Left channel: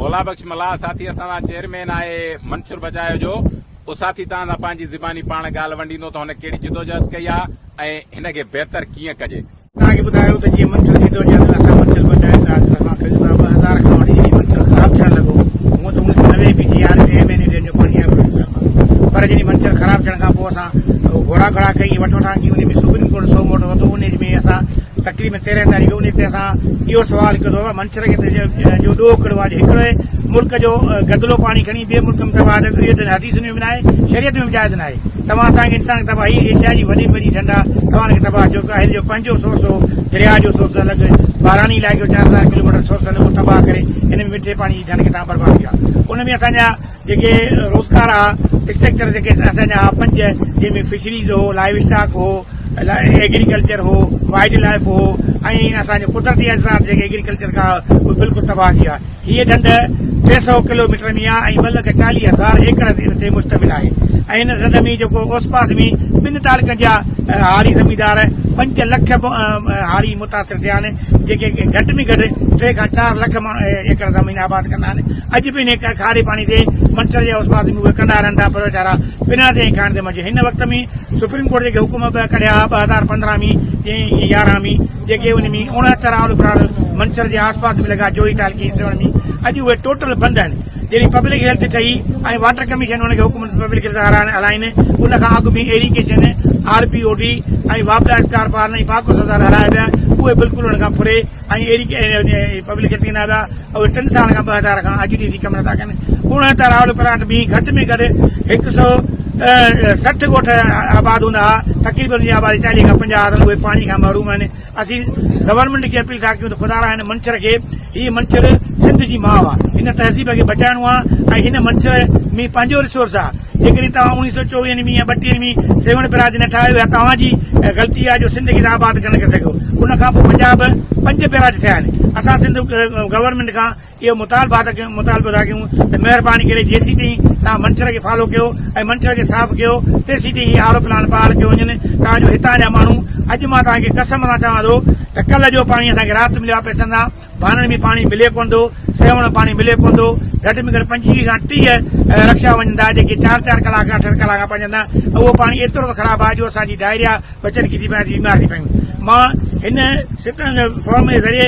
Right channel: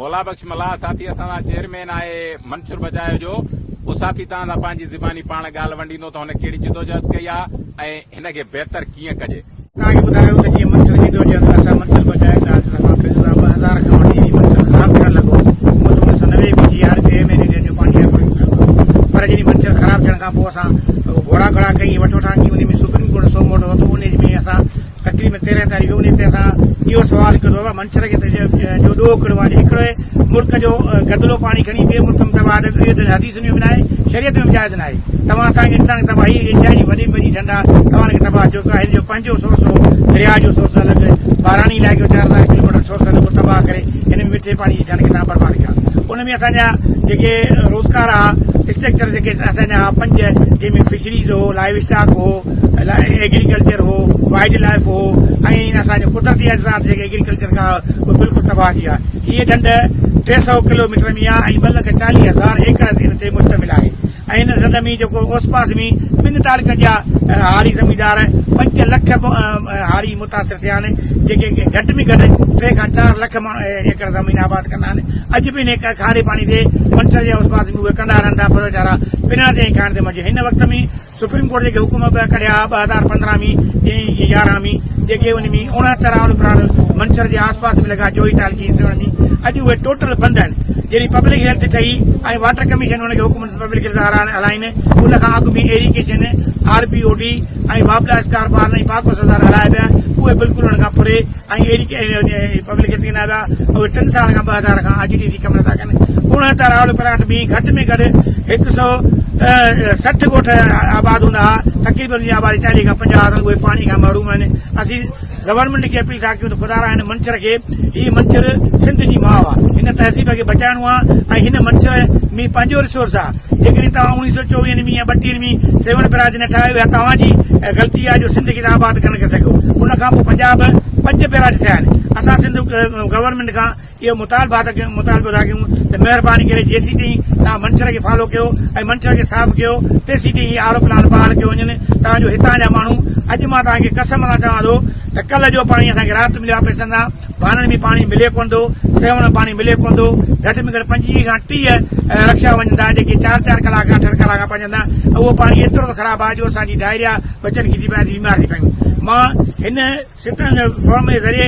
मौला बख्श मल्हार साथी असां चेयरमैन आहे मंशूर बचायो जो उहो साथी तव्हां पंहिंजी ज़बानी पाण ॻाल्हि वंडींदो त हुन कहिड़ी जिदोजहद कई आहे ऐं हिनखे बहितर कीअं कजे। तव्हांखे ॿुधायो त जीअं मंशूर जिदोजहद असां मंशूर बचाए था 2000 खां वठी मंशूर ख़राब थियण लॻो। हूअं त 1990 में GR MNA जो पाणी पर जॾहिं मंशूर ख़राब थियण खां पोइ असां घोड़ा कई वठा की उन में सुप्रीम कोर्ट 100 मोट वरितो। उन में असां तकरीबन 13 तारीख़ उन ते असां इहो सवाल कयो आहे मंशूर खे जो ॾोह कहिड़ो आहे। हिकिड़े मुल्क जो गदलो पाणी खणी ॿिए मुल्क में तबाह हदीस में बि न आहे, शरीयत में बि जाइज़ न आहे। तव्हां असांखे इंसान तबाही एशिया जी वॾी वॾी ढंढा तव्हांखे तबाह चयो आहे। हिन जो पंहिंजो सोर्स हो दरिया जो सोर्स अलॻि, बारानी इलाइक़े जो 4000 किलोमीटर सोर्स अलॻि तबाह करे हिन में मिठे पाणी जी ढंढ खे तव्हां बर्बाद कया। उन में असांजा जेके रोज़गार आहे स्ट्रक्चर जेके असांजा 5 जंहिंमें फिशरीज़ हो, लाइव स्टॉक हो, एग्रीकल्चर हो, वाइल्ड लाइफ हो ऐं असांजो कुदरती अज़रात जेके एग्रीकल्चर खां उहे बिल्कुलु तबाह थी आहे। हीअ ढंढ 300 किलोमीटर में आहे ऐं 2,40,000 एकड़ ते मुश्तमिल आहे। ऐं हिन ढंढ में जेको ओस पास में 2 तालुकनि जा हारी ज़मीनदार 5 लख हारी मुतासिर थिया आहिनि जेके घटि में घटि 3 खां 4 लख एकड़ ज़मीन आबाद कंदा आहिनि। अॼु बि हिन खारे पाणी ते मंशूर जे ओस पास में उहे कंदा रहनि था पर वीचारा बिना ते खाइण ते मज़े। हिन वक़्त में सुप्रीम कोर्ट जेके हुकुम कढिया 2015 में 11 में जेके उन में 69 आल उपराल मंशूर जे आस पास में लॻा 24 तालुकी हिसनि में अॼु उहे टोटल बंद आहिनि। जहिड़ी पब्लिक हेल्थ ठही ऐं वाटर कमीशन हुनखे हुकुम पब्लिक हेल्थ हलाइनि उन खां अॻु में इरिगेशन RPOD ऐं वापडा स्टार पार्न ऐं पाको सदार हलाया पिया उहे बिल्कुलु हुन खां पुरे ऐं पब्लिक हेल्थ कंदा पिया। उहे 3 साल खां 2000 खां अॼु ॾींहुं कम नथा कनि। 69 आल प्लांट में घटि में घटि 160 ॻोठ आबाद हूंदा हुआ। तक़रीबन जी आबादी 40 खां 50 उहे पाणी खां महरूम आहिनि। असीं गवर्नमेंट खे अपील था कयूं त ख़ुदा हिन मंशूर खे हीअ मंशूर सिंध जी माउ आहे, हिन तहज़ीब खे बचाइणो आहे ऐं हिन मंशूर में पंहिंजो रिसोर्स आहे। जेकॾहिं तव्हां 1924 में या 32 में सेवन ब्राज न ठाहियो या तव्हांजी ग़लती आहे जो सिंध खे आबाद करे न सघियो। उन खां पोइ पंजाब 5 बैराज थिया आहिनि। असां सिंध गवर्नमेंट खां इहो मुतालबो था कयूं त महिरबानी करे जेसीं ताईं तव्हां मंशूर खे फॉलो कयो ऐं मंशूर खे साफ़ कयो तेसीं ताईं आरो प्लान बहाल कयो वञनि तव्हांजो हितां जा माण्हू। अॼु मां तव्हांखे कसम सां चवां थो त कल्ह जो पाणी असांखे राति मिलियो आहे पैसनि सां, भाननि में पाणी मिले कोन थो, सेवण पाणी मिले कोन थो। घटि में घटि 25 खां 30 रक्षा वञनि था जेके 4-4 कलाक 8 कलाक पंजंदा। उहो पाणी एतिरो त ख़राबु आहे जो असांजी डायरिया बचनि खे थी पिया बीमार थी पयूं। मां हिन फॉर्म जे ज़रिए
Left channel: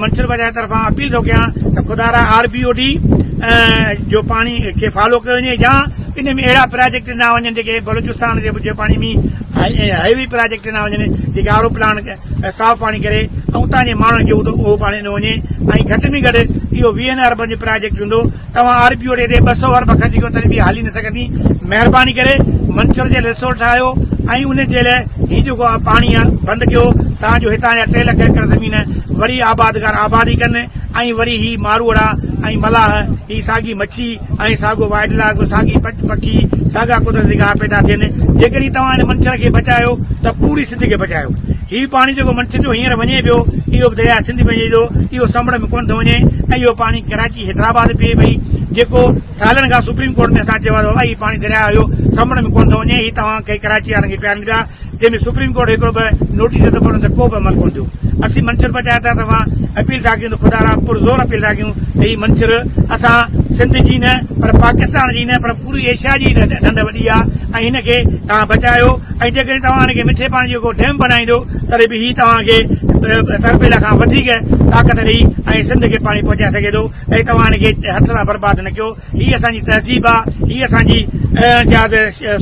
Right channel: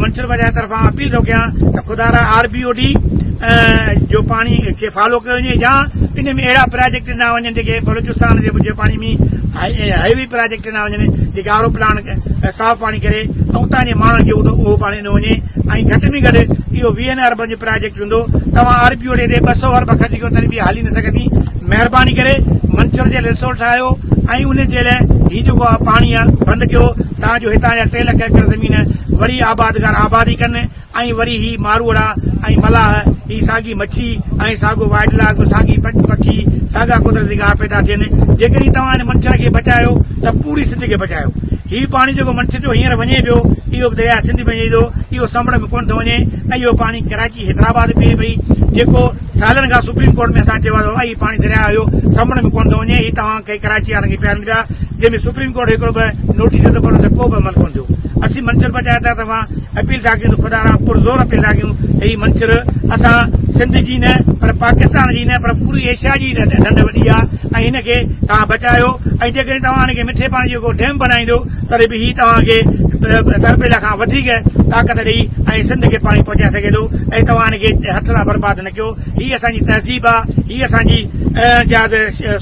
मंशूर बचाए तरफ़ां अपील थो कयां त ख़ुदा RPOD जो पाणी खे फॉलो कयो वञे या इन में अहिड़ा प्रोजेक्ट न वञनि जेके बलूचिस्तान जे पाणी में हैवी प्रोजेक्ट न वञनि जेके आरो प्लान साफ़ पाणी करे ऐं उतां जे माण्हुनि खे उहो पाणी न वञे। ऐं घटि में घटि इहो 20 अरब जो प्रोजेक्ट हूंदो। तव्हां RPOD ते 200 अरब ख़र्च कयो तॾहिं बि हली न सघंदी। महिरबानी करे मंशूर जे रिसोर्स ठाहियो ऐं उन जे लाइ हीउ जेको आहे पाणी आहे बंदि कयो तव्हांजो हितां जा 3 लख एकड़ ज़मीन वरी आबादगार आबादी कनि ऐं वरी ही मारूअड़ा ऐं मलाह ही साॻी मच्छी ऐं साॻो वाइल्ड लाइफ साॻी पखी साॻा कुदरती घाह पैदा थियनि। जेकॾहिं तव्हां हिन मंशूर खे बचायो त पूरी सिंध खे बचायो। हीउ पाणी जेको मंशूर जो हींअर वञे पियो इहो दरिया सिंध में वञे थो, इहो समुंड में कोन थो वञे ऐं इहो पाणी कराची हैदराबाद पिए भई जेको सालनि खां सुप्रीम कोर्ट में असां चयो आहे हीउ पाणी दरिया जो समुंड में कोन थो वञे। हीउ तव्हां कंहिं कराची वारनि खे पियारनि पिया जंहिंमें सुप्रीम कोर्ट हिकिड़ो बि नोटिस थो पढ़नि त को बि अमल कोन थियो। असीं मंशूर बचाए था तव्हां अपील था कयूं त ख़ुदा पुरज़ोर अपील था कयूं त हीउ मंशूर असां सिंध जी न पर पाकिस्तान जी न पर पूरी एशिया जी ढंढ वॾी आहे ऐं हिनखे तव्हां बचायो। ऐं जेकॾहिं तव्हां हिनखे मिठे पाणी जो डैम बनाईंदो तॾहिं बि हीउ तव्हांखे तरबेल खां वधीक ताक़त ॾेई ऐं सिंध खे पाणी पहुचाए सघे थो ऐं तव्हां हिनखे हथ सां बर्बाद न कयो। हीअ असांजी तहज़ीब आहे, हीअ असांजी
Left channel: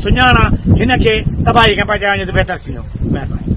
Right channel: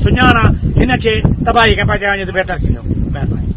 सुञाण आहे। हिनखे तबाही खां बचाइण जो बहितर थींदो। महिरबानी।